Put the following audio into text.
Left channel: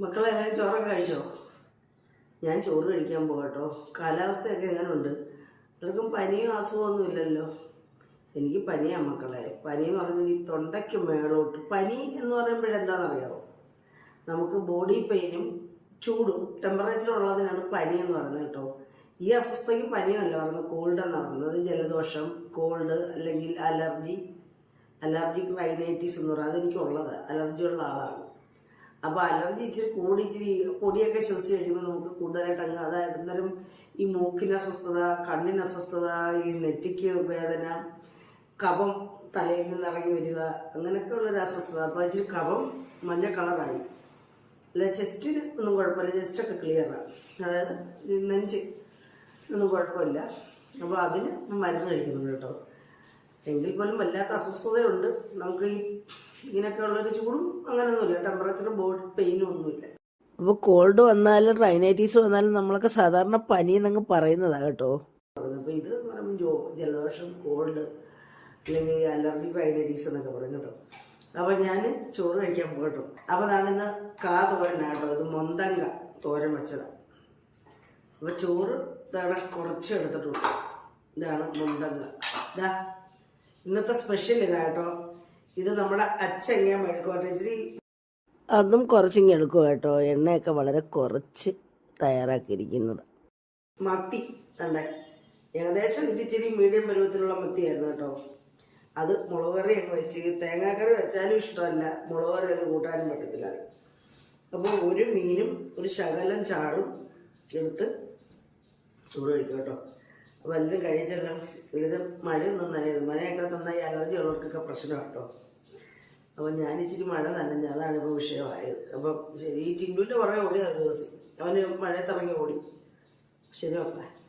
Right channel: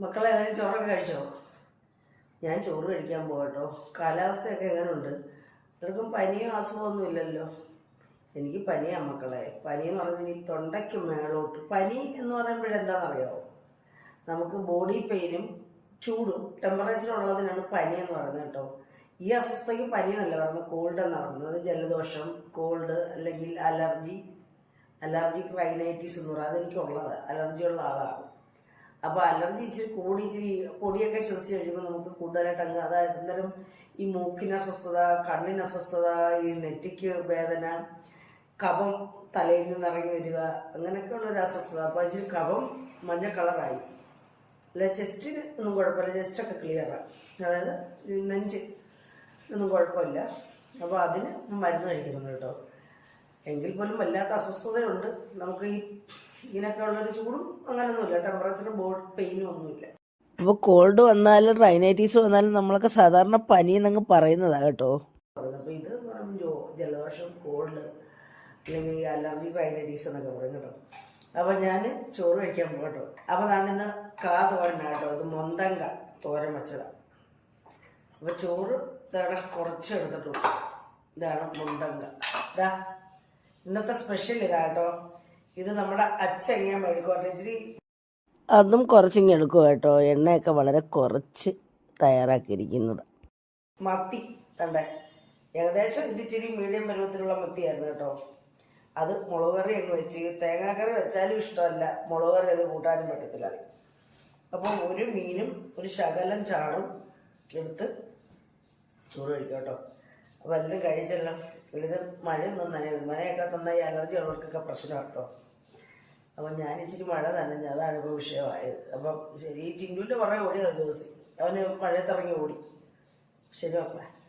മക്കളെ ചോറൊക്കെ കഴിച്ചോ? ഞാൻ ചോറ് കഴിക്കാൻ പോകട്ടോ. കാലാവസ്ഥയൊക്കെ എങ്ങനെയുണ്ട് എല്ലാവർക്കും പനിയോ അസുഖമൊന്നും ഇല്ലല്ലോ. എനിക്ക് പനിയാ മക്കളെ. പനി എന്ന് പറഞ്ഞാൽ ഈ തൊണ്ടയ്ക്ക് മേളോട്ട്. പനി എന്ന് പറയുമ്പോഴെന്താണെന്നറിയാമോ നമുക്ക് ബോഡി പെയിനും ചൂടും ടെമ്പറേച്ചർ ഉള്ളതിനാണ് പനി എന്ന് പറയുന്നത് കേട്ടോ. ഈ അസ്വസ്ഥയ്ക്ക് പനി എന്നല്ല പറയുന്നത്. കോൾഡ് എന്ന് പറയുന്നത്. ജലദോഷം കോൾഡ് അല്ലെങ്കിൽ അലർജി. അലർജിക് റൈനൈറ്റിസ് എന്ന് പറയുന്നത് അതെനിക്കുള്ളത്. അലർജി ഉള്ള ആളാണ്. അപ്പോൾ അലർജി ഇച്ചിരി കൂടി ഇച്ചിരി പൊടിയൊക്കെ ശ്വസിച്ച് കഴിയുമ്പോൾ നമുക്ക് കൂടുതലായിട്ട് അങ്ങ് അതായത് അന്നേരം ഈ മൂക്കിന് അസ്വസ്ഥത കണ്ണിന് അസ്വസ്ഥത ഈ നെറ്റിക്ക് വേദന കഫം തലയിൽ നിന്ന് ഇറങ്ങി വരിക അങ്ങനെയൊക്കെ ഉള്ളൊരു അസ്വസ്ഥത. അപ്പോൾ ഇച്ചിരി കഫം മഞ്ഞ കളറായി. അല്ല ചെസ്റ്റിന് ഒന്നും കുഴപ്പമില്ല. ചെസ്റ്റൊക്കെ ക്ലിയറാണ് അതായത് നെഞ്ച് ഒന്നും കുഴപ്പമില്ല. അപ്പോൾ അതിന് മരുന്ന് കഴിക്കുന്നുണ്ട് കേട്ടോ. എങ്കിൽ പോലും വല്ലാത്ത അസ്വസ്ഥതയുണ്ട്. നമുക്ക് ഈ ഇങ്ങനെയൊക്കെ ഉള്ളൊരു ചൂടും അങ്ങനെയൊന്നുമില്ല ടെമ്പറേച്ചർ ബോഡി പെയിനും ഒന്നുമില്ല. അപ്പോൾ കോൾഡ് വന്നാലും റൈനൈറ്റീസ് വന്നാലും നമ്മളൊക്കെ സാധാരണ പനി എന്നങ്ങ് പറയുന്നതാണ് കേട്ടോ. അപ്പോൾ ഇത് എന്ന് പറയുമ്പോൾ ജോ ജലദോഷം കോൾഡ് അല്ലെങ്കിൽ അലർജി റൈനൈറ്റീസ് എന്നൊക്കെ പറയും കേട്ടോ. അപ്പോൾ ഞാൻ ചോറ് കഴിക്കാൻ പോകട്ടോ അപ്പൊ അപ്പോൾ ഞാൻ ഇന്ന് കാ തോരനാണ് കേട്ടോ. ഇത് മൊന്തങ്ക തോരൻ വെച്ചതാണ് അപ്പോൾ ചോറ് ഇതാണ് കുറച്ച് എടുത്തിട്ടുള്ളൂ. ഇതാണ് മൊന്തങ്ക. ഇതാ ഇന്നത്തെ സ്പെഷ്യൽ ഇതാ കേട്ടോ. ഇത് നമ്മുടെ അച്ചങ്ങ മെഴുക്കുവരട്ടി ഇച്ചിരി അതും കുറച്ചിങ്ങ് എടുക്കുക കേട്ടോ? എണ്ണയൊക്കെ വളരെ കുറച്ച് തയ്യാറാക്കിയിരിക്കുന്നത്. മത്തി കണ്ടേ? ഏകദേശം ഇത് ഇച്ചിരി മീഡിയം പരുവത്തിലുള്ള മത്തിയായിരുന്നു കേട്ടോ. അത് മുളക് കറി അങ്ങ് വെച്ച് തേങ്ങാക്കറി വെച്ചാലും ഇഷ്ടമല്ല. മുളക് കറി അത് കൂട്ടാനും പറ്റത്തില്ല. അത് അപ്പോൾ ഒരു മീനും ഒരു ശകലം ചാറും എടുത്ത് ചോറ് കഴിക്കാം കേട്ടോ. എല്ലാം കഴിച്ചെല്ലാം. വല്ലതും മഴയൊന്നും നനയുന്നു മഴയൊക്കെ തന്ന ഈ അലർജി ഉള്ളവർക്കൊക്കെ പ്രശ്നമാണ് കേട്ടോ. അപ്പം ഞാൻ ഇച്ചിരി മഴ നനഞ്ഞ അതാണ് ഇപ്പോൾ വിഷയമായത്. അപ്പം ശരി ഈ ടിൻഡുവിന്റെ പുറകെ ഓടിയതാണ് ദിവസം. അവന് മഴയത്തിറങ്ങി ഓടി. ശരി മക്കളെ